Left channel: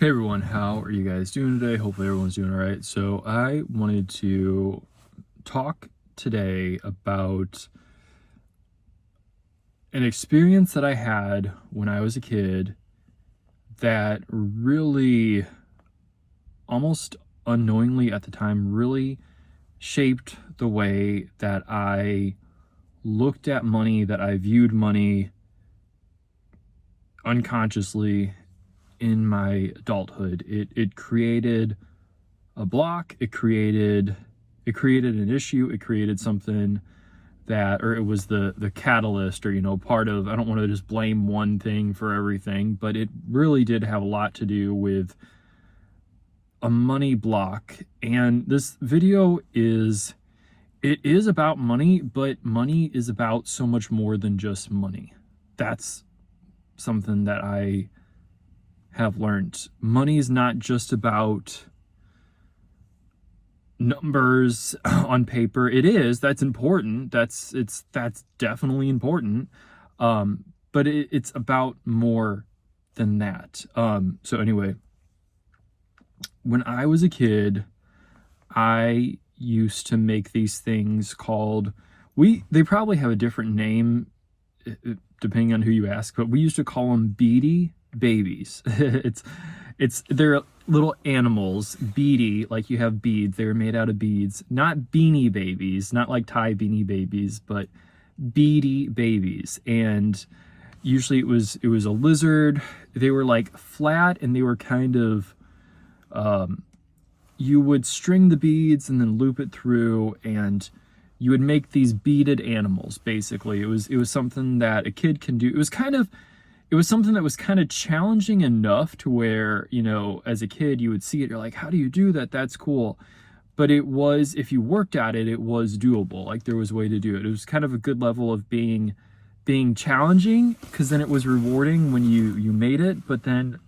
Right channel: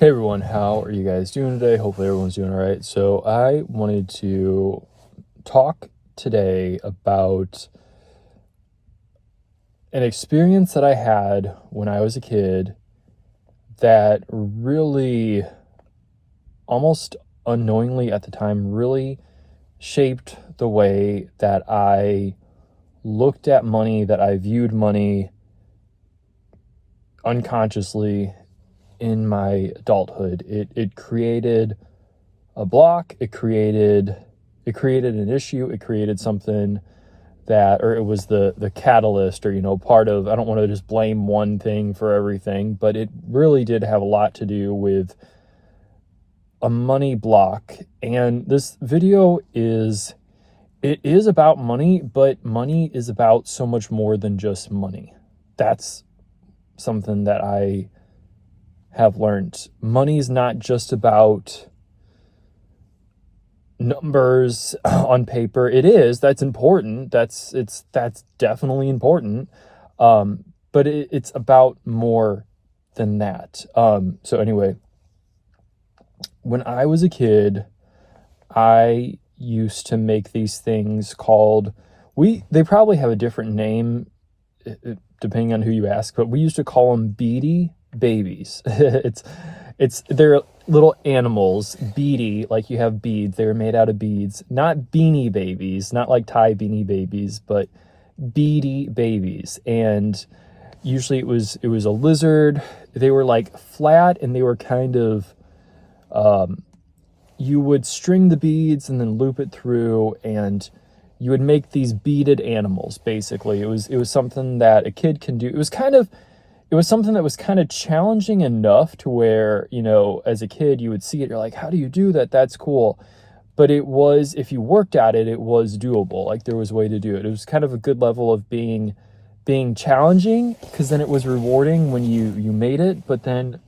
Hey everyone, how are you guys doing today? Hopefully everyone's doing all right. So I wanted to talk today about an experience that I had when I was a kid that really, almost unknowingly at the time, really shaped the way that I looked at money, that I viewed money unconsciously in my adulthood. It created a block, it created an issue, it created something that, or it was the catalyst, or part of, I don't want to just blame one thing for everything, but it really did have a lot to do with a money block. And this video is, it is about money, but money is about so much more than just money. That's something that I have learned. Money is not just about numbers on paper. It is, that's important, that's definitely important, but it's about more than that. So anyway, when I was a kid, I used to make these things called, they probably have a different name depending on who you ask, but we used to call them beady babies. They're little animals, beady, like you have beads. They were made out of beads, not beanie babies, not like Thai beanie babies, but beady babies. And usually it was a lizard. They were like flat, and they were kind of, you would string the beads and then loop it through, and you would make these beaded animals. Basically, it was something that a kid can do. It was something that was kind of challenging enough to where, as a kid, you would see it, you're like, how do you do that? That's cool. But it was, if you worked at it, it was doable. Like, there was a way to do it. It was kind of a good level of being challenging, because then it was rewarding when you made it, but then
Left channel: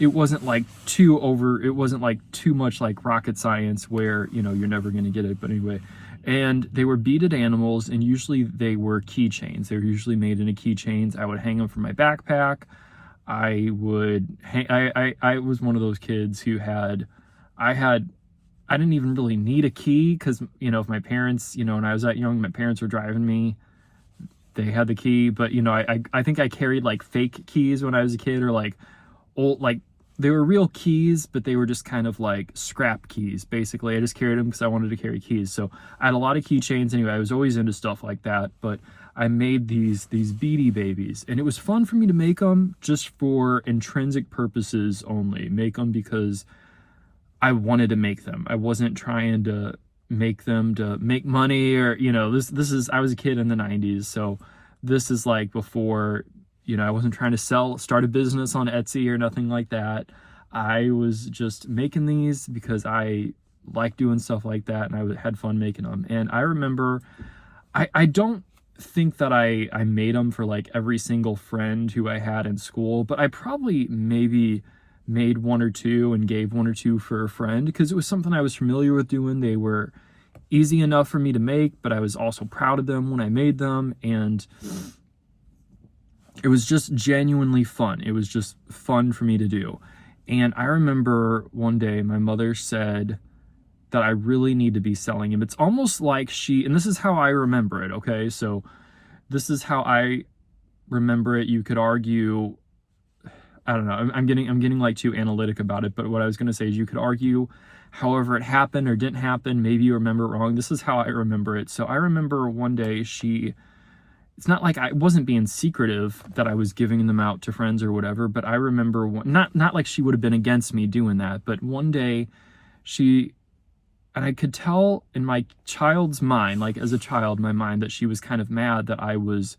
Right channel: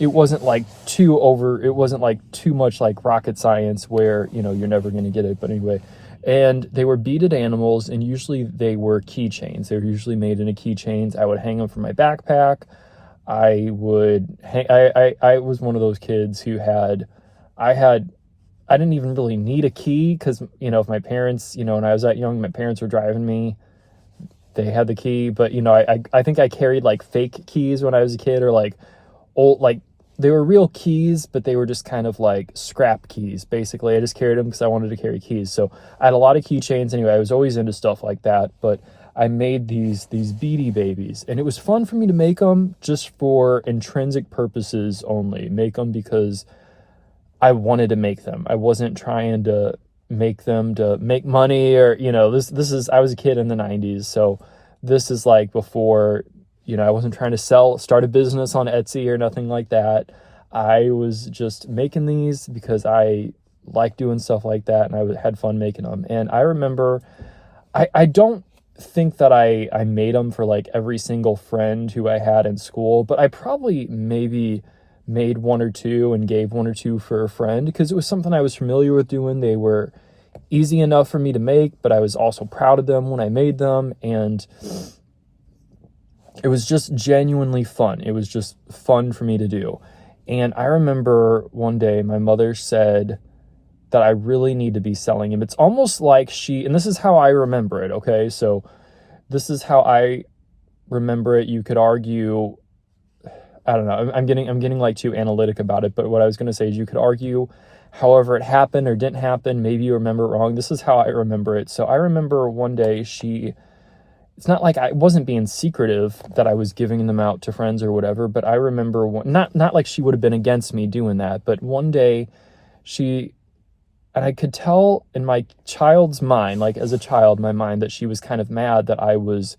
it wasn't like it wasn't like too much like rocket science where, you're never going to get it. But anyway, and they were beaded animals, and usually they were keychains. They were usually made into keychains. I would hang them from my backpack. I was one of those kids who I didn't even really need a key, because, if my parents, when I was that young, my parents were driving me, they had the key. But, I think I carried like fake keys when I was a kid, or like old, like, they were real keys, but they were just kind of like scrap keys. Basically, I just carried them because I wanted to carry keys. So I had a lot of keychains. Anyway, I was always into stuff like that. But I made these beady babies, and it was fun for me to make them just for intrinsic purposes only. Make them because I wanted to make them. I wasn't trying to make them to make money, or, this is, I was a kid in the 90s, so this is like before, I wasn't trying to start a business on Etsy or nothing like that. I was just making these because I like doing stuff like that, and I had fun making them. And I remember, I don't think that I made them for like every single friend who I had in school, but I probably maybe made one or two and gave one or two for a friend, because it was something I was familiar with doing. They were easy enough for me to make, but I was also proud of them when I made them, and it was just genuinely fun. It was just fun for me to do. And I remember one day my mother said that I really need to be selling him. It's almost like and this is how I remember it, okay? So this is how I remember it. You could argue, I don't know, I'm getting like too analytic about it, but what I was going to say is, you could argue however it happened or didn't happen. Maybe you remember it wrong. This is how I remember it. So I remember one day it's not like I wasn't being secretive that I was giving them out to friends or whatever, but I remember not like she would have been against me doing that, but one day and I could tell in my child's mind, like as a child, my mind, that she was kind of mad that I was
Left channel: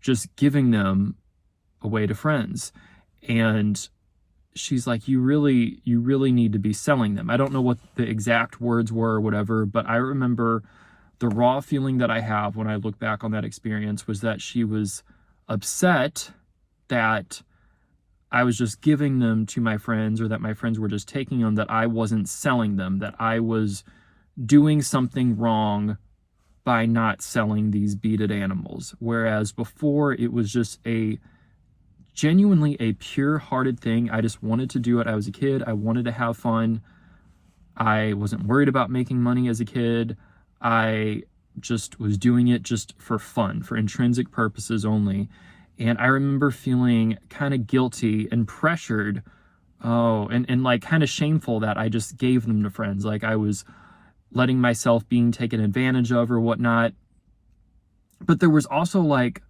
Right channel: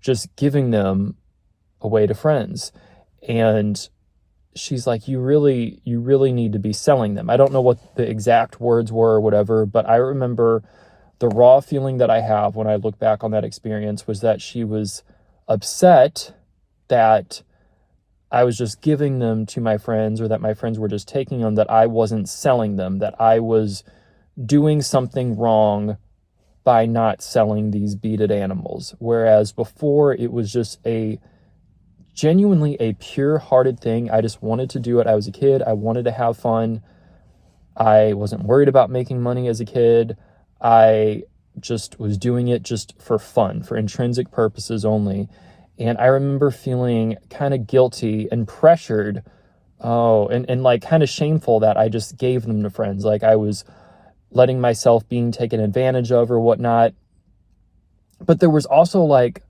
just giving them away to friends. And she's like, you really need to be selling them. I don't know what the exact words were or whatever, but I remember the raw feeling that I have when I look back on that experience was that she was upset that I was just giving them to my friends, or that my friends were just taking them, that I wasn't selling them, that I was doing something wrong by not selling these beaded animals. Whereas before, it was just a genuinely a pure-hearted thing. I just wanted to do it. I was a kid. I wanted to have fun. I wasn't worried about making money as a kid. I just was doing it just for fun, for intrinsic purposes only. And I remember feeling kind of guilty and pressured, and like kind of shameful that I just gave them to friends. Like I was letting myself being taken advantage of or whatnot. But there was also like,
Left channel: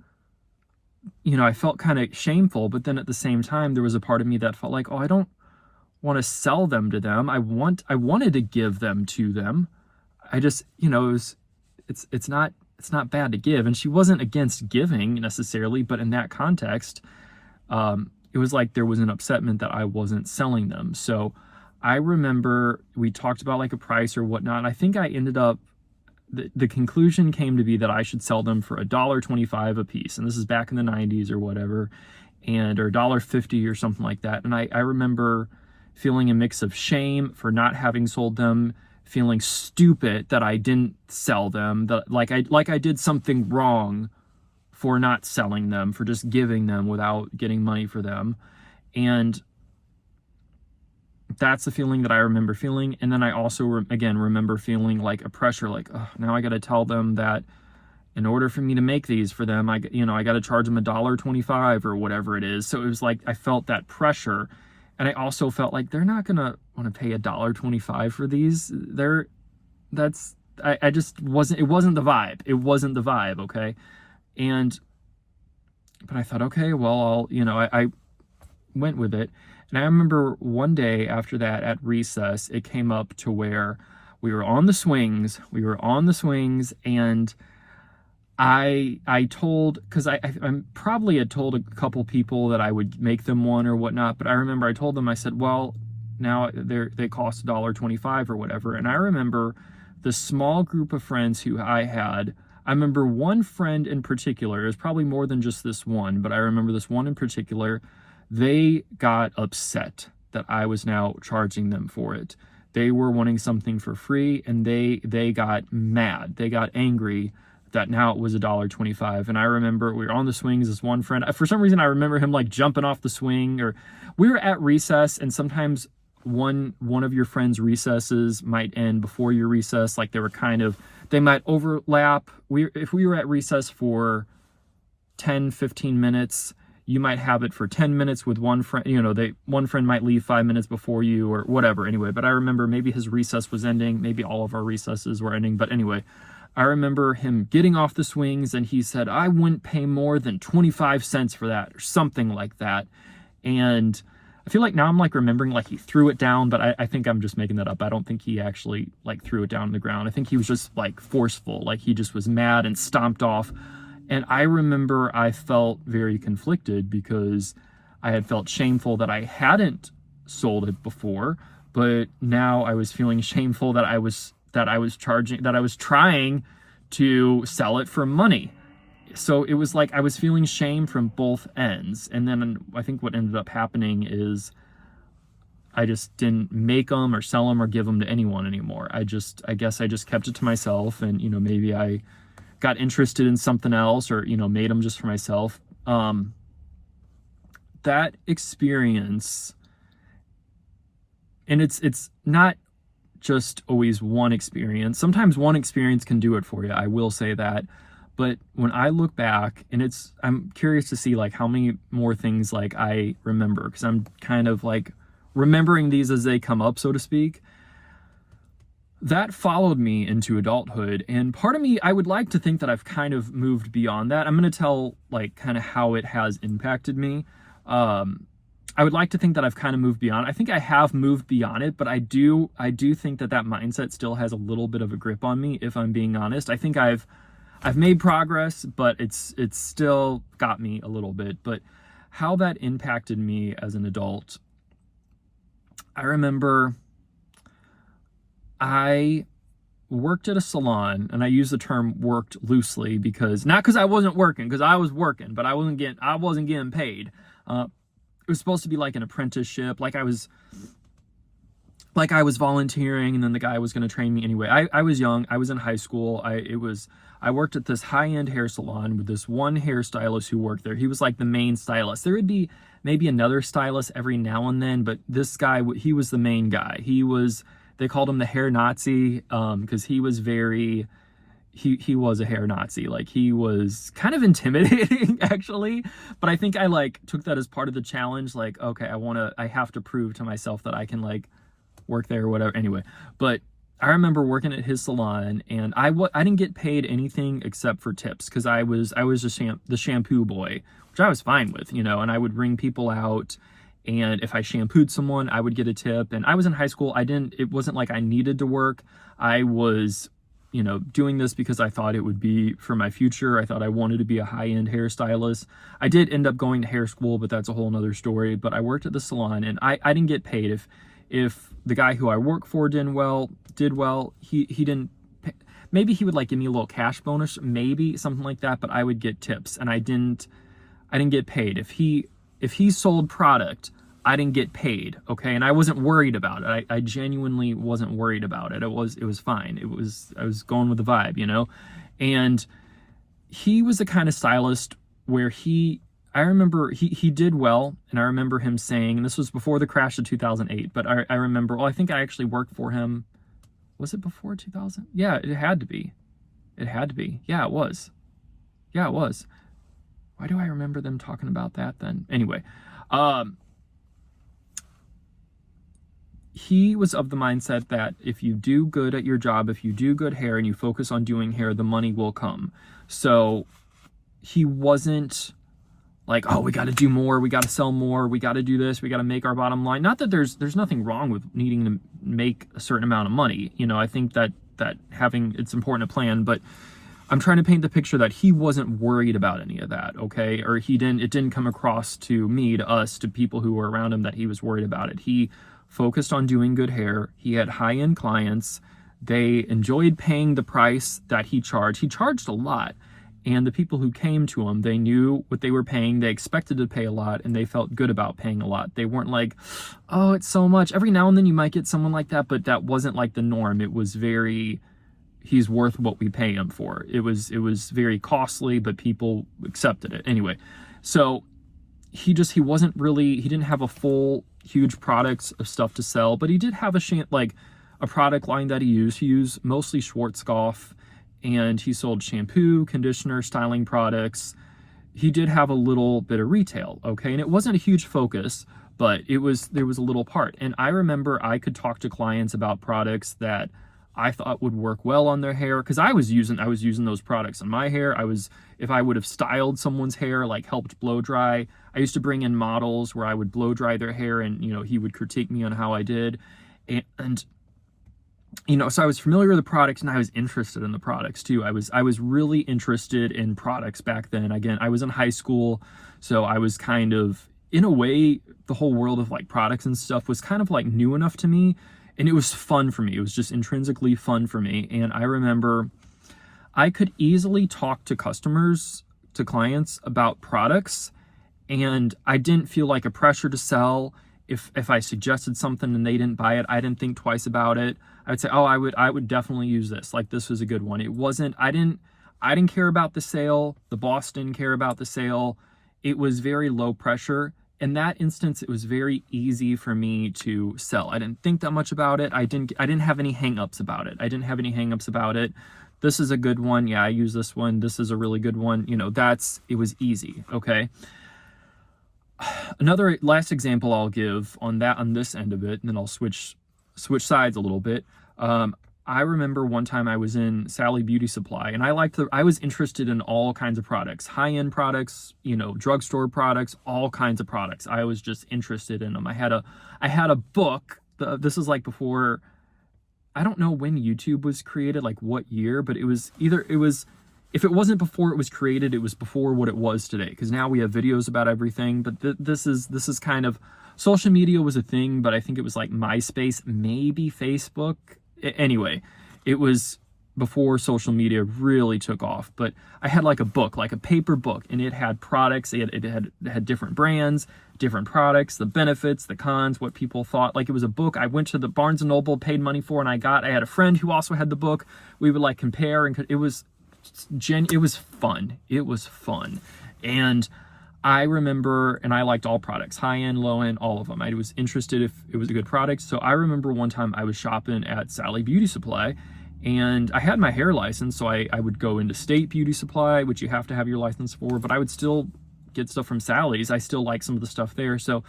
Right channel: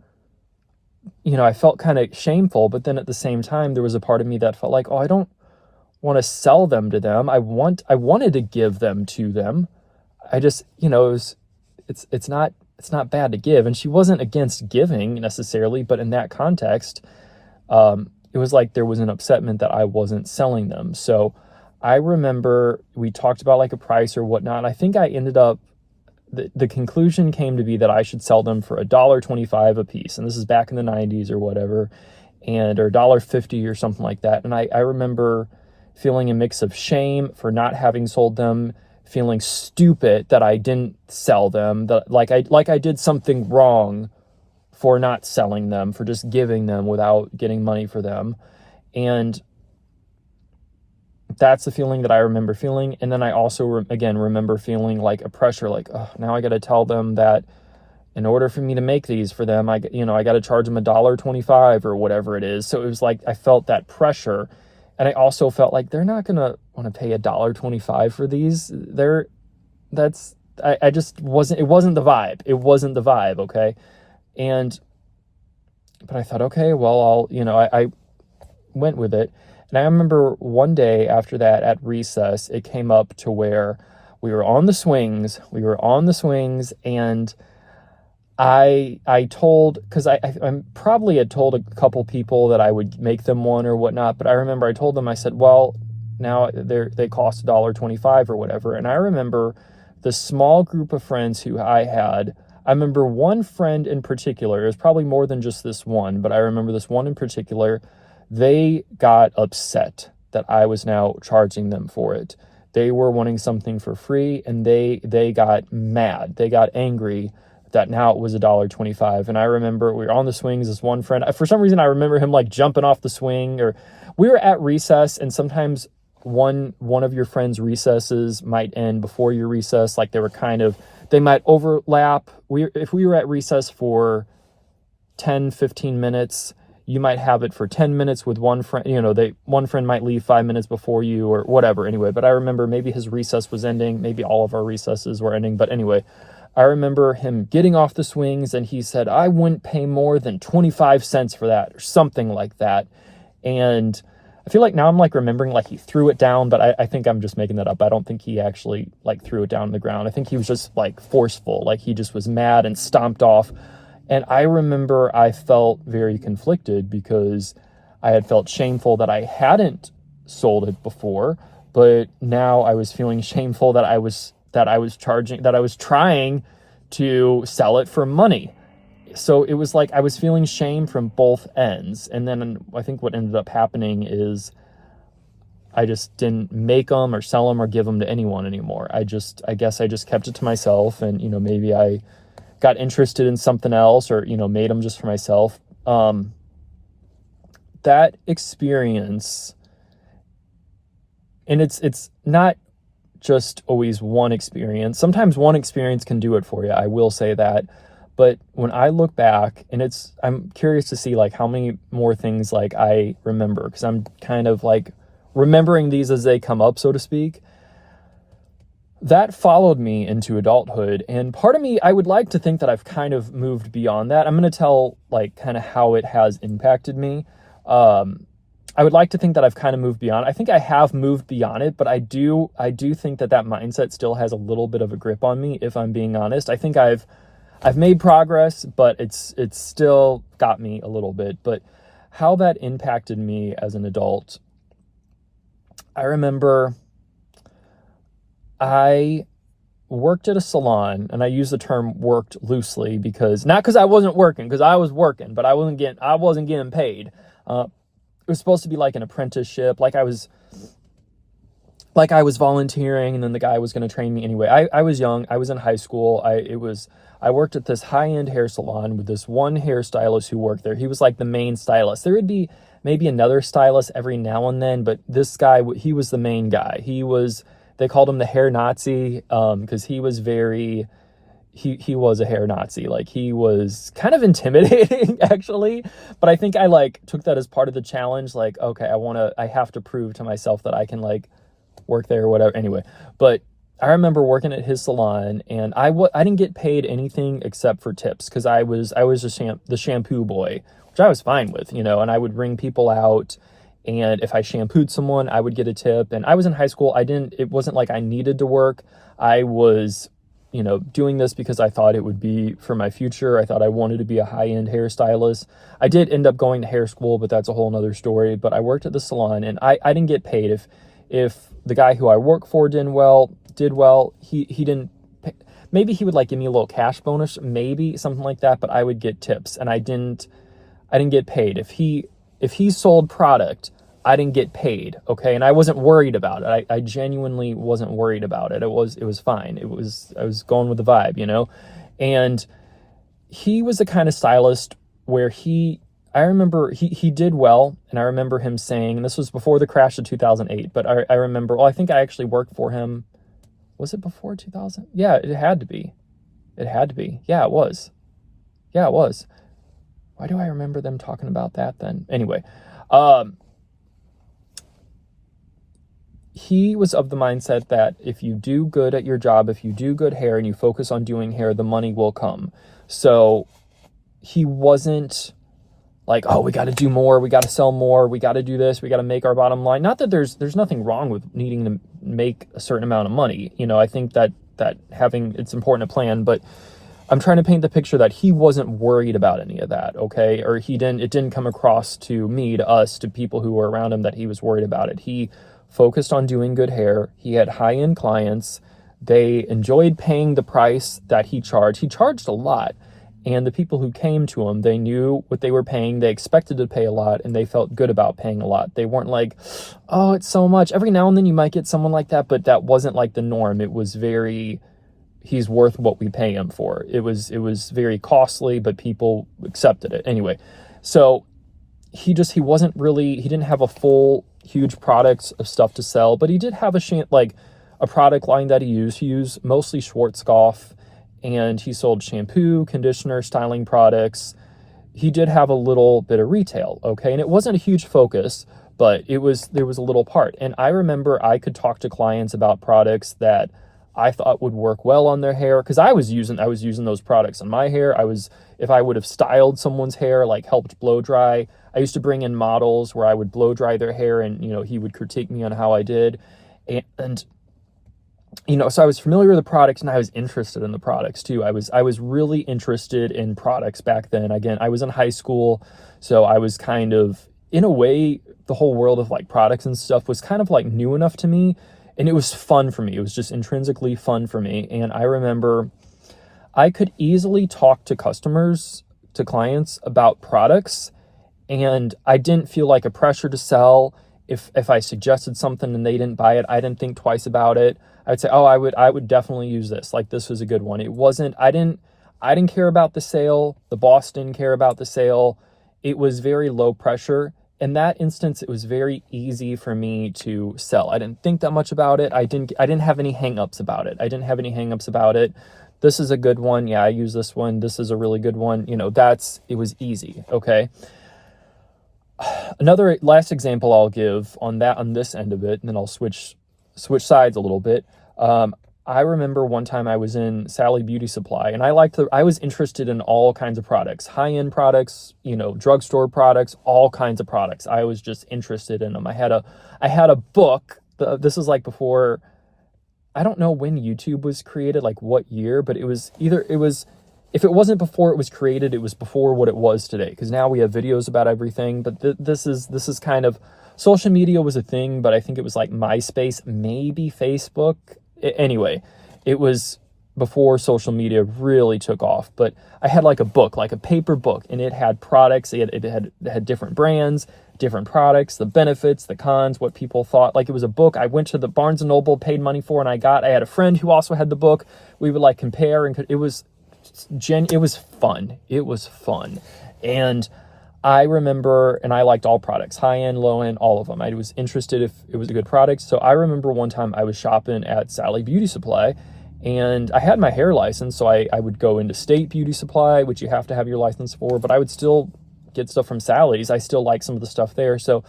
I felt kind of shameful, but then at the same time, there was a part of me that felt like, oh, I don't want to sell them to them. I wanted to give them to them. I just, it's not bad to give. And she wasn't against giving necessarily, but in that context, it was like there was an upsetment that I wasn't selling them. So I remember we talked about like a price or whatnot. I think I ended up, the conclusion came to be that I should sell them for $1.25 a piece. And this is back in the 90s or whatever, or $1.50 or something like that. And I remember feeling a mix of shame for not having sold them, feeling stupid that I didn't sell them, that like I did something wrong for not selling them, for just giving them without getting money for them. And that's the feeling that I remember feeling. And then I also, remember feeling like a pressure, like, oh, now I got to tell them that in order for me to make these for them, I got to charge them $1.25 or whatever it is. So it was like, I felt that pressure. And I also felt like they're not going to want to pay $1.25 for these. I just wasn't, it wasn't the vibe. It wasn't the vibe. Okay. But I thought, okay, well, I went with it. And I remember one day after that at recess, it came up to where we were on the swings, and I told, because I probably had told a couple people that I would make them one or whatnot, but I remember I told them, I said, well, now they cost $1.25 or whatever. And I remember the small group of friends who I had. I remember one friend in particular, it was probably more than just this one, but I remember this one in particular. They got upset that I was now charging them for it. They were wanting something for free, and they got mad. They got angry that now it was $1.25. And I remember we were on the swings. This one friend, for some reason, I remember him like jumping off the swing, or we were at recess, and sometimes one of your friends' recesses might end before your recess. Like they might overlap. If we were at recess for 10, 15 minutes, you might have it for 10 minutes with one friend. One friend might leave 5 minutes before you or whatever. Anyway, but I remember maybe his recess was ending. Maybe all of our recesses were ending. But anyway, I remember him getting off the swings, and he said, I wouldn't pay more than 25 cents for that or something like that. And I feel like now I'm like remembering like he threw it down, but I think I'm just making that up. I don't think he actually like threw it down on the ground. I think he was just like forceful. Like he just was mad and stomped off. And I remember I felt very conflicted because I had felt shameful that I hadn't sold it before, but now I was feeling shameful that I was trying to sell it for money. So it was like I was feeling shame from both ends. And then I think what ended up happening is I just didn't make them or sell them or give them to anyone anymore. I guess I just kept it to myself, and maybe I got interested in something else, or made them just for myself. That experience, and it's not just always one experience. Sometimes one experience can do it for you, I will say that. But when I look back, and I'm curious to see like how many more things like I remember, because I'm kind of like remembering these as they come up, so to speak. That followed me into adulthood, and part of me, I would like to think that I've kind of moved beyond that. I'm going to tell like kind of how it has impacted me. I would like to think that I've kind of moved beyond. I think I have moved beyond it, but I do think that mindset still has a little bit of a grip on me, if I'm being honest. I think I've made progress, but it's still got me a little bit. But how that impacted me as an adult, I remember I worked at a salon, and I use the term worked loosely because not because I wasn't working, because I was working, but I wasn't getting paid. It was supposed to be like an apprenticeship, like I was volunteering, and then the guy was going to train me anyway. I was young. I was in high school. I worked at this high-end hair salon with this one hairstylist who worked there. He was like the main stylist. There would be maybe another stylist every now and then, but this guy, he was the main guy. They called him the hair Nazi, because he was he was a hair Nazi. Like, he was kind of intimidating actually, but I think I like took that as part of the challenge. Like, okay, I have to prove to myself that I can like work there or whatever. Anyway, but I remember working at his salon, and I didn't get paid anything except for tips, because I was the shampoo boy, which I was fine with, and I would ring people out, and if I shampooed someone, I would get a tip. And I was in high school. It wasn't like I needed to work. I was doing this because I thought it would be for my future. I thought I wanted to be a high-end hairstylist. I did end up going to hair school, but that's a whole nother story. But I worked at the salon, and I didn't get paid. If the guy who I work for did well, he didn't pay. Maybe he would like give me a little cash bonus, maybe something like that, but I would get tips, and I didn't get paid. If he sold product, I didn't get paid, okay? And I wasn't worried about it. I genuinely wasn't worried about it. It was fine. I was going with the vibe, And he was the kind of stylist where I remember he did well, and I remember him saying, and this was before the crash of 2008, but I remember, well, I think I actually worked for him. Was it before 2000? Yeah, it had to be. It had to be. Yeah, it was. Yeah, it was. Why do I remember them talking about that then? Anyway, he was of the mindset that if you do good at your job, if you do good hair and you focus on doing hair, the money will come. So he wasn't like, oh, we got to do more, we got to sell more, we got to do this, we got to make our bottom line. Not that there's nothing wrong with needing to make a certain amount of money. I think that it's important to plan, but I'm trying to paint the picture that he wasn't worried about any of that, okay? Or it didn't come across to me, to us, to people who were around him that he was worried about it. He focused on doing good hair. He had high-end clients. They enjoyed paying the price that he charged. He charged a lot. And the people who came to him, they knew what they were paying. They expected to pay a lot, and they felt good about paying a lot. They weren't like, oh, it's so much. Every now and then you might get someone like that, but that wasn't like the norm. It was he's worth what we pay him for. It was very costly, but people accepted it. Anyway, so he didn't have a full, huge products of stuff to sell, but he did have a product line that he used. He used mostly Schwarzkopf, and he sold shampoo, conditioner, styling products. He did have a little bit of retail, okay? And it wasn't a huge focus, but there was a little part. And I remember I could talk to clients about products that I thought would work well on their hair, because I was using those products on my hair. If I would have styled someone's hair, like helped blow dry, I used to bring in models where I would blow dry their hair, and he would critique me on how I did. And so I was familiar with the products, and I was interested in the products too. I was really interested in products back then. Again, I was in high school, so I was kind of, in a way, the whole world of like products and stuff was kind of like new enough to me, and it was fun for me. It was just intrinsically fun for me. And I remember I could easily talk to clients about products, and I didn't feel like a pressure to sell. If I suggested something and they didn't buy it, I didn't think twice about it. I would say, oh, I would definitely use this. Like, this was a good one. I didn't care about the sale. The boss didn't care about the sale. It was very low pressure. In that instance, it was very easy for me to sell. I didn't think that much about it. I didn't have any hangups about it. This is a good one. Yeah, I use this one. This is a really good one. It was easy. Okay. Another last example I'll give on this end of it, and then I'll switch sides a little bit. I remember one time I was in Sally Beauty Supply, and I was interested in all kinds of products, high-end products, drugstore products, all kinds of products. I was just interested in them. I had a book. This is like before, I don't know when YouTube was created, like what year, but if it wasn't before it was created, it was before what it was today. Because now we have videos about everything, but this is kind of, social media was a thing, but I think it was like MySpace, maybe Facebook. Anyway, it was before social media really took off. But I had like a book, like a paper book, and it had products. It had different brands, different products, the benefits, the cons, what people thought. Like, it was a book I went to the Barnes & Noble, paid money for, and I had a friend who also had the book. We would like compare, and it was it was fun. It was fun. And I remember, and I liked all products, high end, low end, all of them. I was interested if it was a good product. So I remember one time I was shopping at Sally Beauty Supply, and I had my hair license. So I would go into State Beauty Supply, which you have to have your license for, but I would still get stuff from Sally's. I still like some of the stuff there. So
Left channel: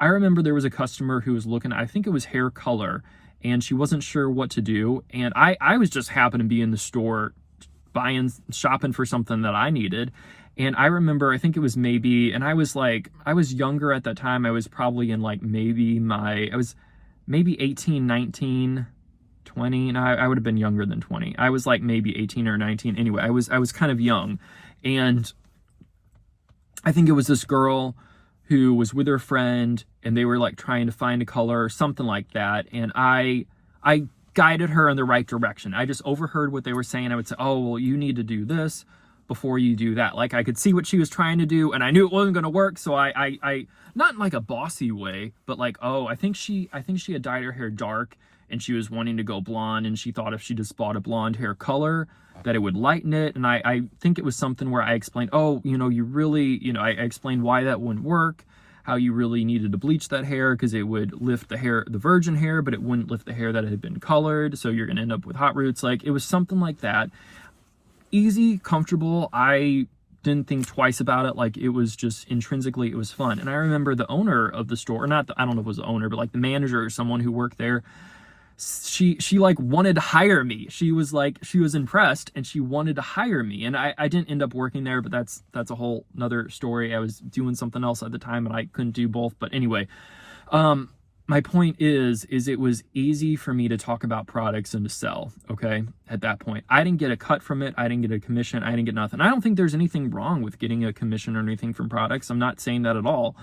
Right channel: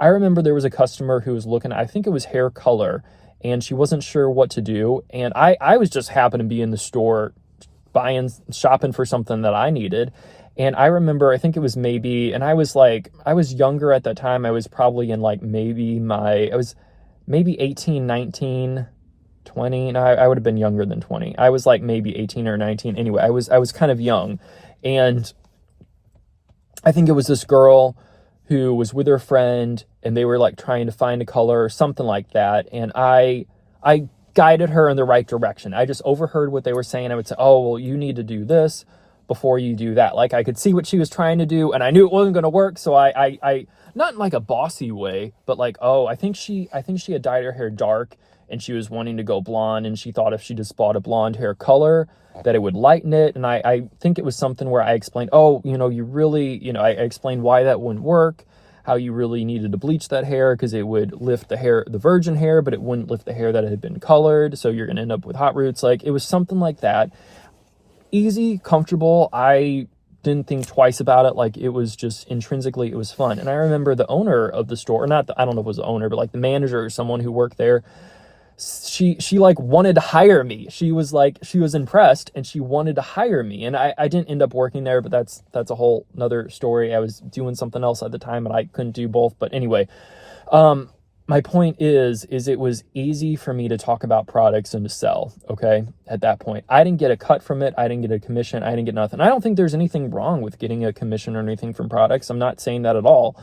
I remember there was a customer who was looking, I think it was hair color, and she wasn't sure what to do. And I was just happened to be in the store shopping for something that I needed. And I remember, I think it was maybe, and I was younger at that time. I was probably in like I was maybe 18, 19, 20. No, I would have been younger than 20. I was like maybe 18 or 19. Anyway, I was kind of young. And I think it was this girl who was with her friend, and they were like trying to find a color or something like that. And I guided her in the right direction. I just overheard what they were saying. I would say, oh, well, you need to do this before you do that. Like, I could see what she was trying to do, and I knew it wasn't going to work. So I not in like a bossy way, but like, oh, I think she had dyed her hair dark, and she was wanting to go blonde, and she thought if she just bought a blonde hair color that it would lighten it. And I think it was something where I explained, oh, you really, I explained why that wouldn't work, how you really needed to bleach that hair because it would lift the virgin hair, but it wouldn't lift the hair that had been colored. So you're going to end up with hot roots. Like, it was something like that. Easy, comfortable. I didn't think twice about it. Like, it was just intrinsically, it was fun. And I remember the owner of the store, I don't know if it was the owner, but like the manager or someone who worked there, she like wanted to hire me. She was impressed, and she wanted to hire me. And I didn't end up working there, but that's a whole nother story. I was doing something else at the time, and I couldn't do both. But anyway, my point is it was easy for me to talk about products and to sell. Okay. At that point, I didn't get a cut from it. I didn't get a commission. I didn't get nothing. I don't think there's anything wrong with getting a commission or anything from products. I'm not saying that at all.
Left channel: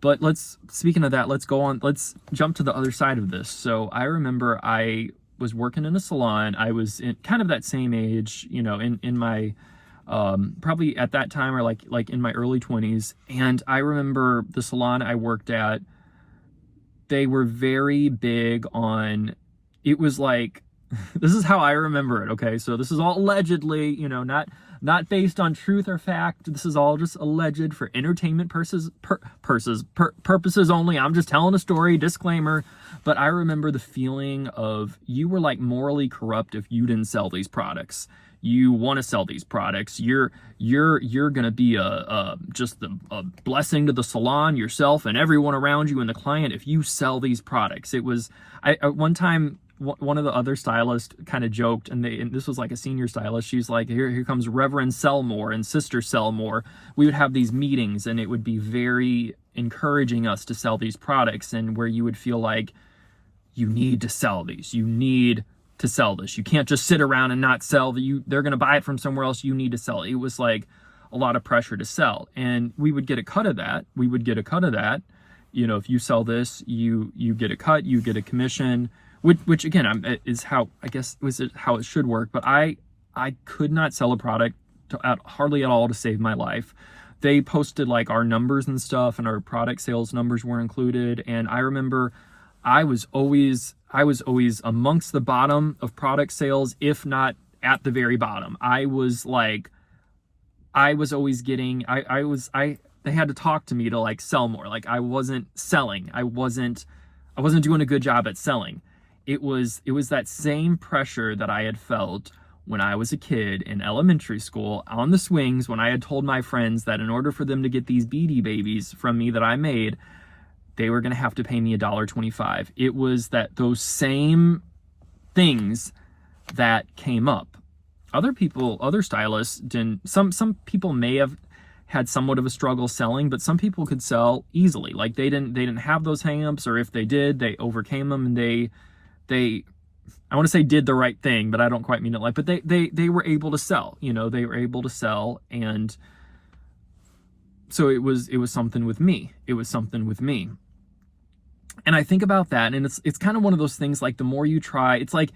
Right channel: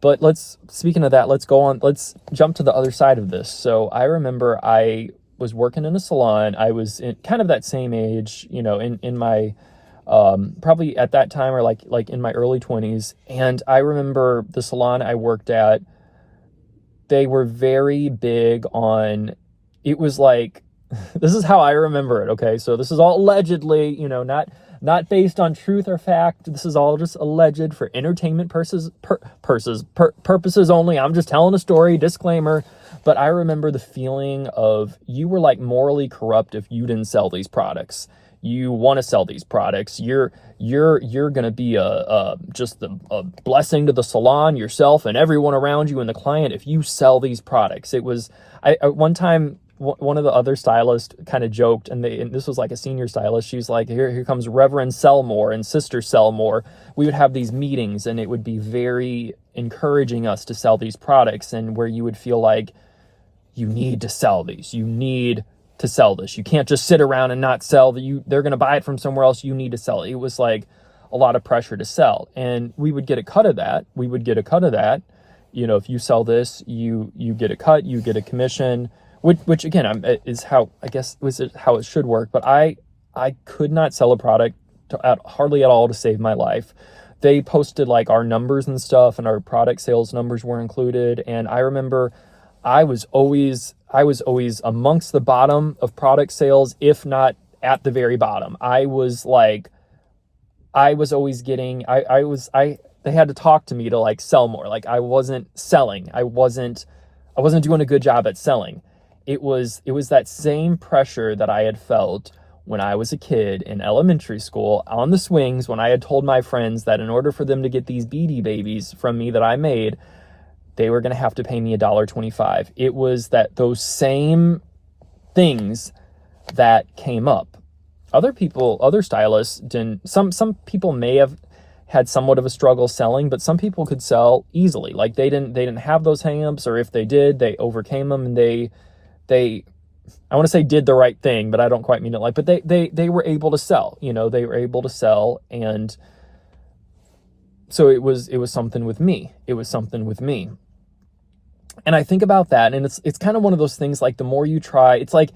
But speaking of that, let's jump to the other side of this. So I remember I was working in a salon. I was in kind of that same age, in my, probably at that time, or like in my early 20s. And I remember the salon I worked at, they were very big on, it was like, this is how I remember it. Okay. So this is all allegedly, not based on truth or fact. This is all just alleged for entertainment purposes only. I'm just telling a story, disclaimer. But I remember the feeling of, you were like morally corrupt if you didn't sell these products. You want to sell these products. You're going to be just a blessing to the salon, yourself, and everyone around you, and the client if you sell these products. It was, one time, one of the other stylists kind of joked, and this was like a senior stylist. She's like, here comes Reverend Sellmore and Sister Sellmore. We would have these meetings, and it would be very encouraging us to sell these products, and where you would feel like you need to sell these. You need to sell this. You can't just sit around and not sell. They're going to buy it from somewhere else. You need to sell it. It was like a lot of pressure to sell, and we would get a cut of that. If you sell this, you get a cut, you get a commission. Which again is how how it should work. But I could not sell a product hardly at all to save my life. They posted like our numbers and stuff, and our product sales numbers were included. And I remember I was always amongst the bottom of product sales, if not at the very bottom. I was always getting, they had to talk to me to like sell more. Like, I wasn't selling. I wasn't doing a good job at selling. It was that same pressure that I had felt when I was a kid in elementary school on the swings, when I had told my friends that in order for them to get these Beady Babies from me that I made, they were going to have to pay me $1.25. It was those same things that came up. Other stylists didn't. Some people may have had somewhat of a struggle selling, but some people could sell easily. Like, they didn't have those hangups, or if they did, they overcame them, and they I want to say did the right thing, but I don't quite mean it like, but they were able to sell, they were able to sell. And so it was something with me. And I think about that, and it's kind of one of those things, like, the more you try, it's like,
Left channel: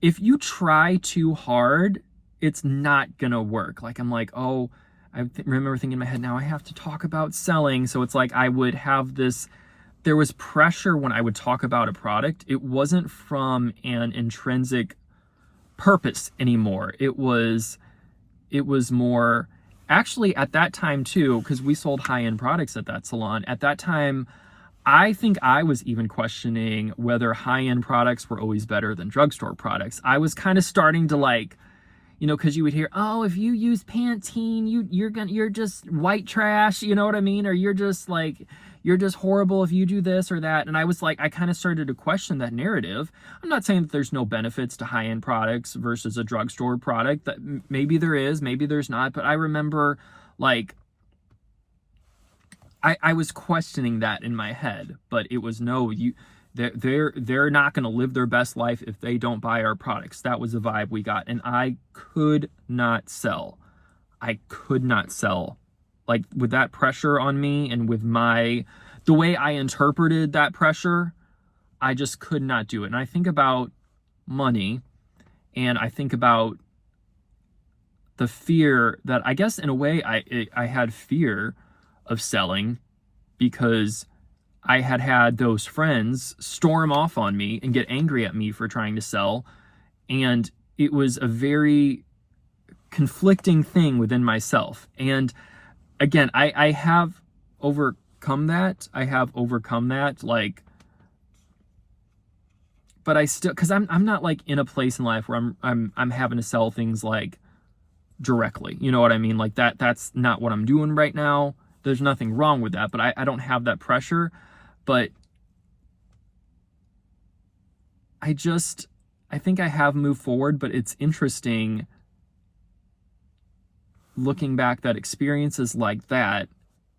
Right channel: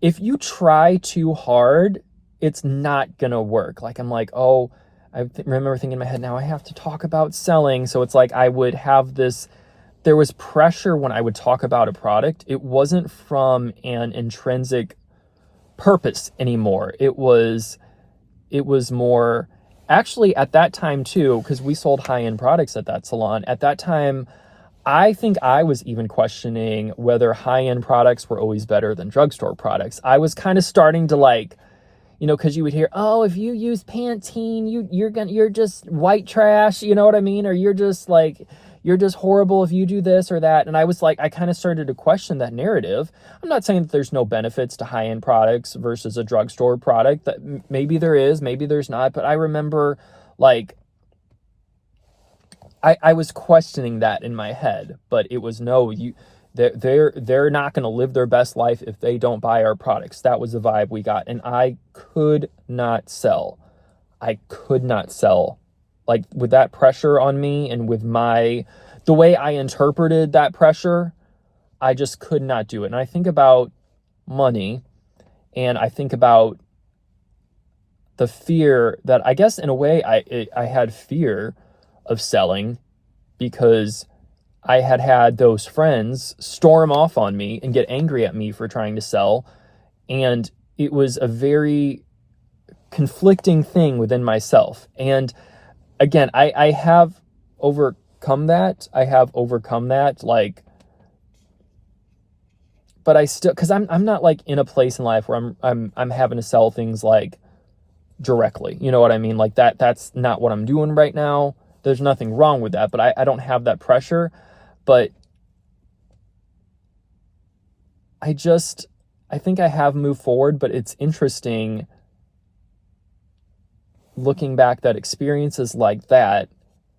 if you try too hard, it's not gonna work. Like, I'm like, oh, I remember thinking in my head, now I have to talk about selling. So it's like, I would have this, there was pressure when I would talk about a product. It wasn't from an intrinsic purpose anymore. It was it was more, actually at that time too, because we sold high-end products at that salon. At that time, I think I was even questioning whether high-end products were always better than drugstore products. I was kind of starting to like, because you would hear, oh, if you use Pantene, you're just white trash, you know what I mean? Or you're just horrible if you do this or that. And I was like, I kind of started to question that narrative. I'm not saying that there's no benefits to high-end products versus a drugstore product. That maybe there is, maybe there's not. But I remember like, I was questioning that in my head, but it was no, they're not going to live their best life if they don't buy our products. That was the vibe we got, and I could not sell. I could not sell, like with that pressure on me and with the way I interpreted that pressure. I just could not do it. And I think about money, and I think about the fear that I guess in a way I had fear of selling because I had those friends storm off on me and get angry at me for trying to sell. And it was a very conflicting thing within myself. And again, I have overcome that. Like, but I still, because I'm not like in a place in life where I'm having to sell things like directly. You know what I mean? Like that's not what I'm doing right now. There's nothing wrong with that, but I don't have that pressure. But I think I have moved forward, but it's interesting looking back that experiences like that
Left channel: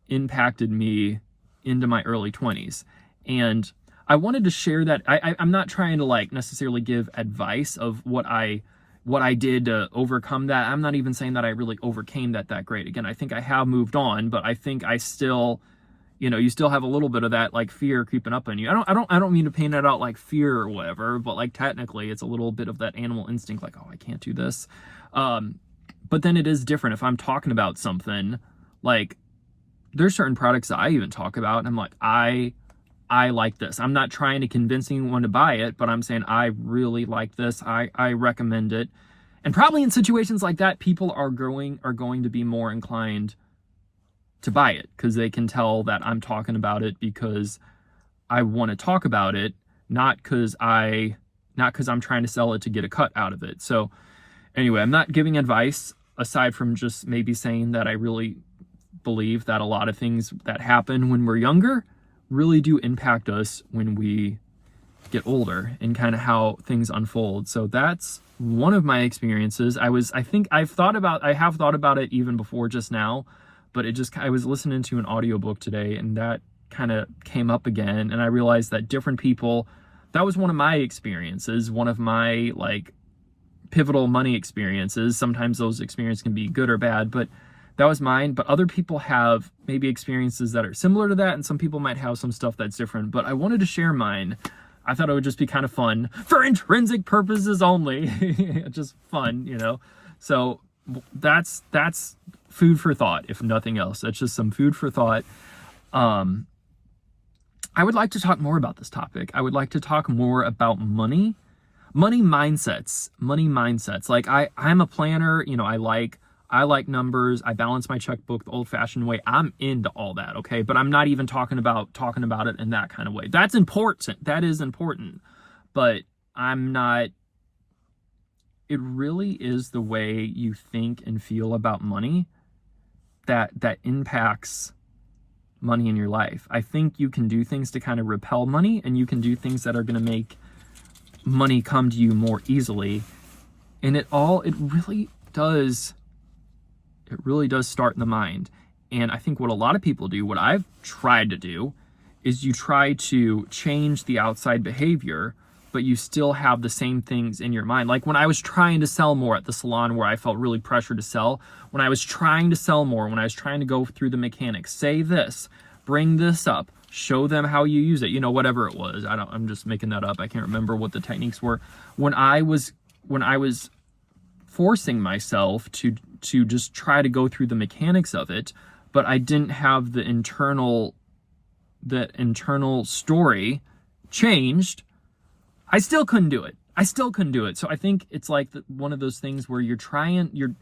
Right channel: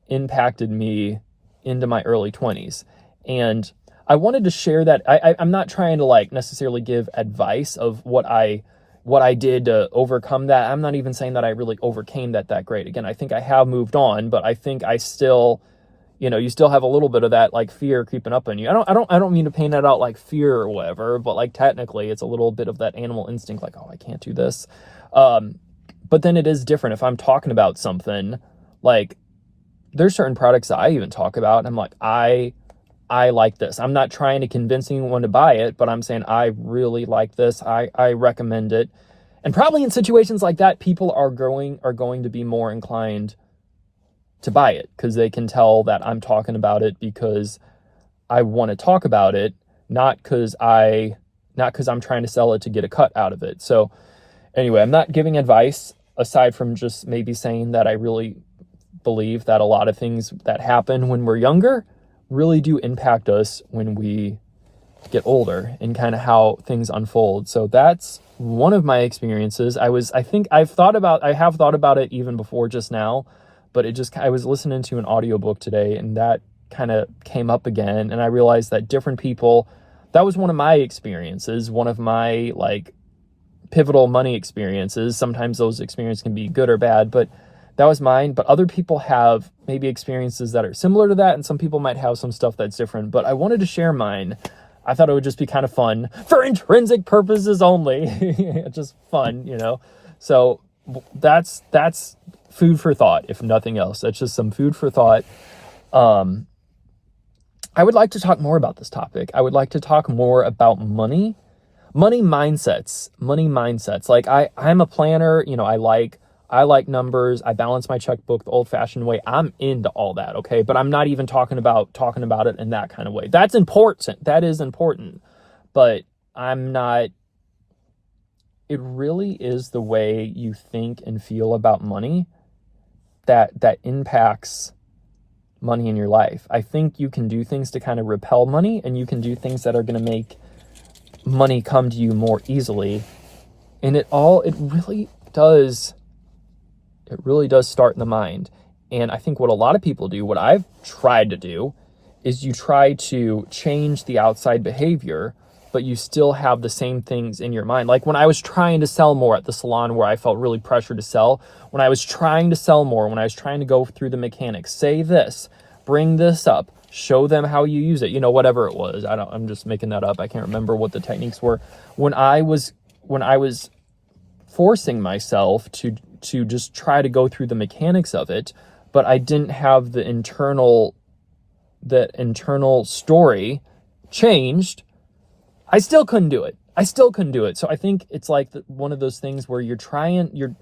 impacted me into my early 20s. And I wanted to share that. I'm not trying to like necessarily give advice of what I did to overcome that. I'm not even saying that I really overcame that great. Again, I think I have moved on, but I think I still, you still have a little bit of that like fear creeping up on you. I don't mean to paint it out like fear or whatever, but like technically it's a little bit of that animal instinct, like, oh, I can't do this. But then it is different if I'm talking about something like there's certain products that I even talk about and I'm like, I like this. I'm not trying to convince anyone to buy it, but I'm saying I really like this. I recommend it. And probably in situations like that, people are going to be more inclined to buy it because they can tell that I'm talking about it because I want to talk about it, not because I'm trying to sell it to get a cut out of it. So anyway, I'm not giving advice aside from just maybe saying that I really believe that a lot of things that happen when we're younger really do impact us when we get older and kind of how things unfold. So that's one of my experiences. I have thought about it even before just now, but I was listening to an audiobook today and that kind of came up again. And I realized that different people, that was one of my experiences, one of my like pivotal money experiences. Sometimes those experiences can be good or bad, but that was mine. But other people have maybe experiences that are similar to that, and some people might have some stuff that's different. But I wanted to share mine. I thought it would just be kind of fun for intrinsic purposes only. Just fun, So that's food for thought, if nothing else. That's just some food for thought. I would like to talk more about this topic. I would like to talk more about money mindsets. Like I'm a planner, I like numbers. I balance my checkbook the old-fashioned way. I'm into all that, okay? But I'm not even talking about it in that kind of way. That's important. That is important. But I'm not. It really is the way you think and feel about money that impacts money in your life. I think you can do things to kind of repel money, and you can do things that are going to make money come to you more easily. And it really does start in the mind. And I think what a lot of people do, what I've tried to do, is you try to change the outside behavior, but you still have the same things in your mind. Like when I was trying to sell more at the salon where I felt really pressured to sell, when I was trying to sell more, when I was trying to go through the mechanics, say this, bring this up, show them how you use it, whatever it was. I'm just making that up. I can't remember what the techniques were. When I was forcing myself to just try to go through the mechanics of it, but I didn't have the internal story changed, I still couldn't do it. So I think it's like one of those things where you're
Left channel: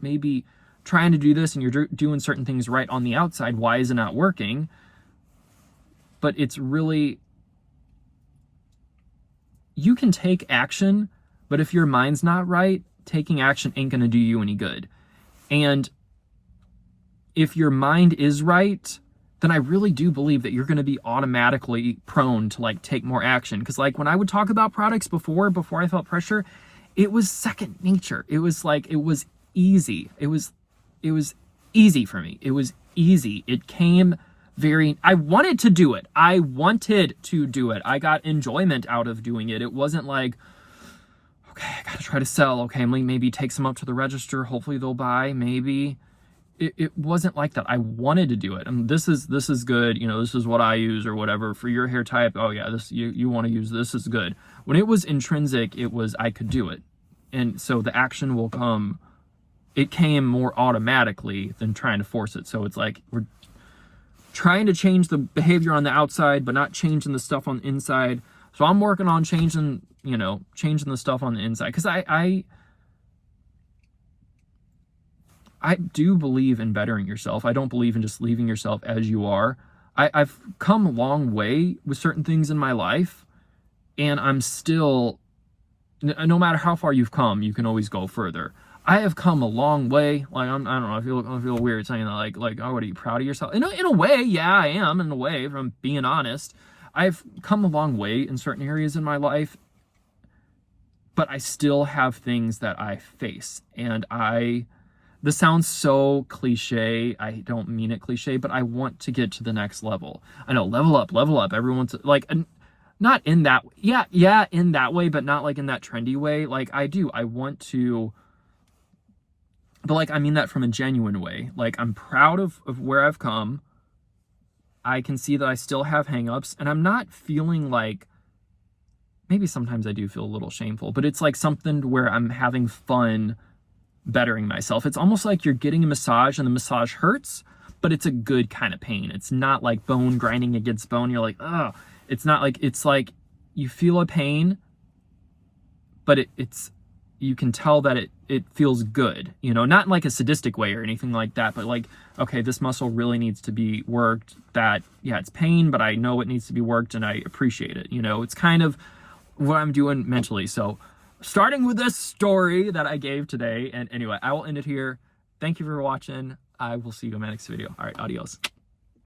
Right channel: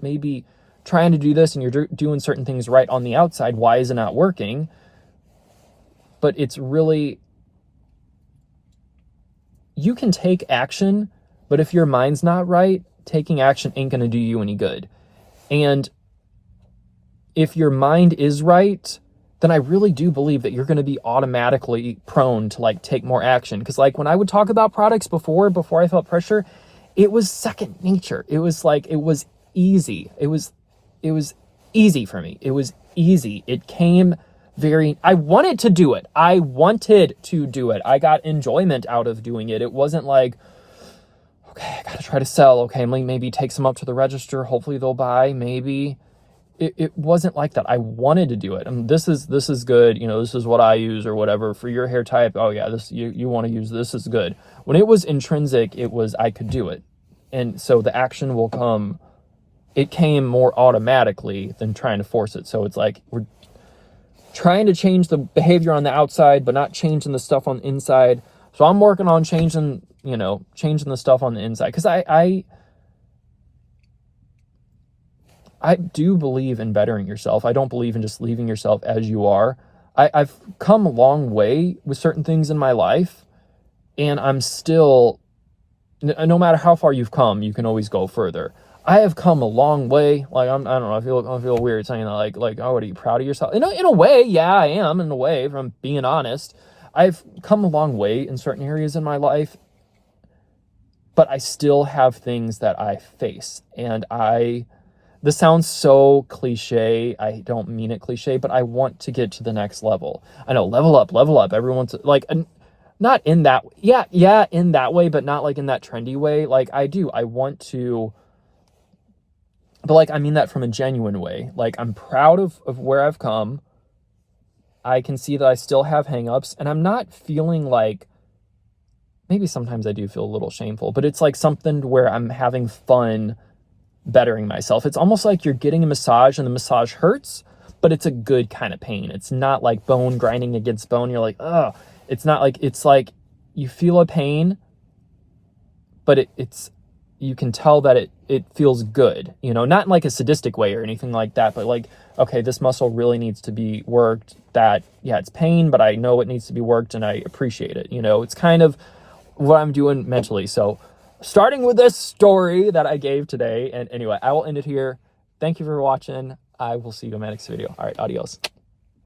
maybe trying to do this and you're doing certain things right on the outside. Why is it not working? But it's really, you can take action, but if your mind's not right, taking action ain't going to do you any good. And if your mind is right, then I really do believe that you're going to be automatically prone to like take more action. Because like when I would talk about products before I felt pressure, it was second nature. It was like, it was easy. It was easy for me. It was easy. It came I wanted to do it. I got enjoyment out of doing it. It wasn't like, okay, I got to try to sell. Okay, maybe take some up to the register. Hopefully they'll buy. Maybe. It wasn't like that. I wanted to do it. And this is good. You know, this is what I use or whatever for your hair type. Oh yeah, this you want to use this is good. When it was intrinsic, it was I could do it. And so the action will come. It came more automatically than trying to force it. So it's like we're trying to change the behavior on the outside, but not changing the stuff on the inside. So I'm working on changing the stuff on the inside. Because I do believe in bettering yourself. I don't believe in just leaving yourself as you are. I've come a long way with certain things in my life, and I'm still, no matter how far you've come, you can always go further. I have come a long way. Like I don't know. I feel weird saying that. Like, oh, what are you proud of yourself? In a way, yeah, I am. In a way, if I'm being honest, I've come a long way in certain areas in my life, but I still have things that I face, and this sounds so cliche. I don't mean it cliche, but I want to get to the next level. I know, level up. Everyone's like, not in that, yeah, in that way, but not like in that trendy way. Like I want to, but like, I mean that from a genuine way. Like I'm proud of where I've come. I can see that I still have hangups, and I'm not feeling like, maybe sometimes I do feel a little shameful, but it's like something where I'm having fun bettering myself. It's almost like you're getting a massage and the massage hurts, but it's a good kind of pain. It's not like bone grinding against bone. You're like, ugh. It's not like, it's like you feel a pain, but it's you can tell that it feels good, not in like a sadistic way or anything like that, but like, okay, this muscle really needs to be worked. That, yeah, it's pain, but I know it needs to be worked and I appreciate it. It's kind of what I'm doing mentally. So starting with this story that I gave today. And anyway, I will end it here. Thank you for watching. I will see you in my next video. All right, adios.